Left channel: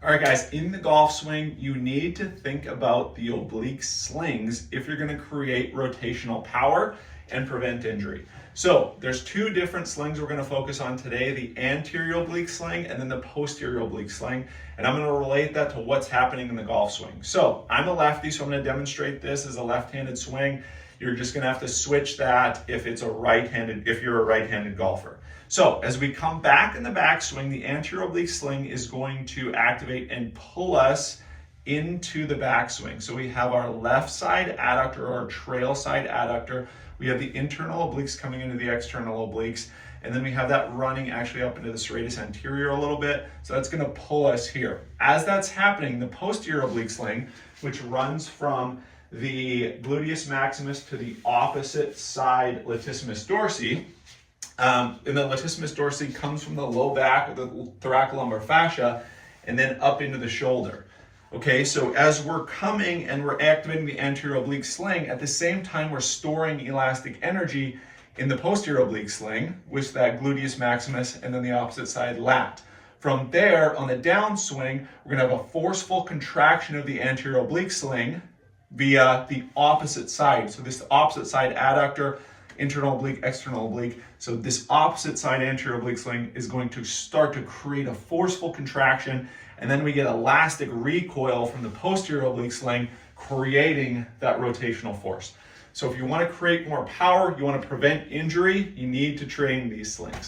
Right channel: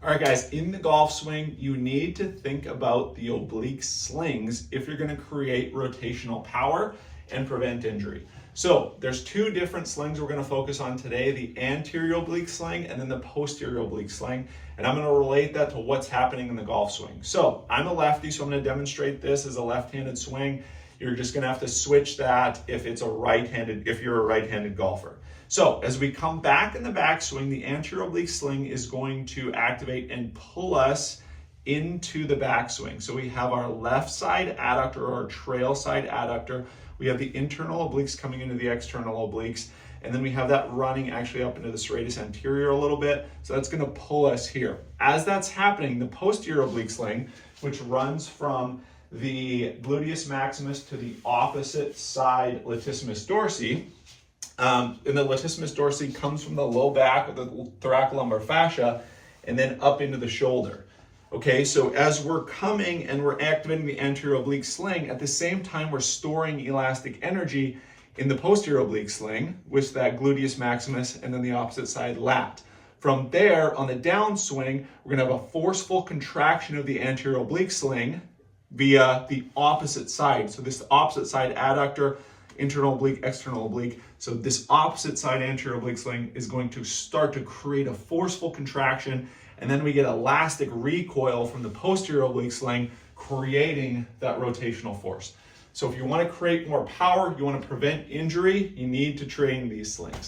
All right, guys, in the golf swing, you need to think about the oblique slings if you're going to create rotational power and prevent injury. So there's two different slings we're going to focus on today, the anterior oblique sling and then the posterior oblique sling. And I'm going to relate that to what's happening in the golf swing. So I'm a lefty, so I'm going to demonstrate this as a left-handed swing. You're just going to have to switch that if you're a right-handed golfer. So as we come back in the backswing, the anterior oblique sling is going to activate and pull us into the backswing. So we have our left side adductor or our trail side adductor. We have the internal obliques coming into the external obliques. And then we have that running actually up into the serratus anterior a little bit. So that's going to pull us here. As that's happening, the posterior oblique sling, which runs from the gluteus maximus to the opposite side latissimus dorsi, and the latissimus dorsi comes from the low back of the thoracolumbar fascia and then up into the shoulder. Okay, so as we're coming and we're activating the anterior oblique sling, at the same time we're storing elastic energy in the posterior oblique sling, with that gluteus maximus and then the opposite side lat. From there, on the downswing, we're gonna have a forceful contraction of the anterior oblique sling via the opposite side. So this opposite side adductor, internal oblique, external oblique. So this opposite side anterior oblique sling is going to start to create a forceful contraction, and then we get elastic recoil from the posterior oblique sling, creating that rotational force. So if you want to create more power, you want to prevent injury, you need to train these slings.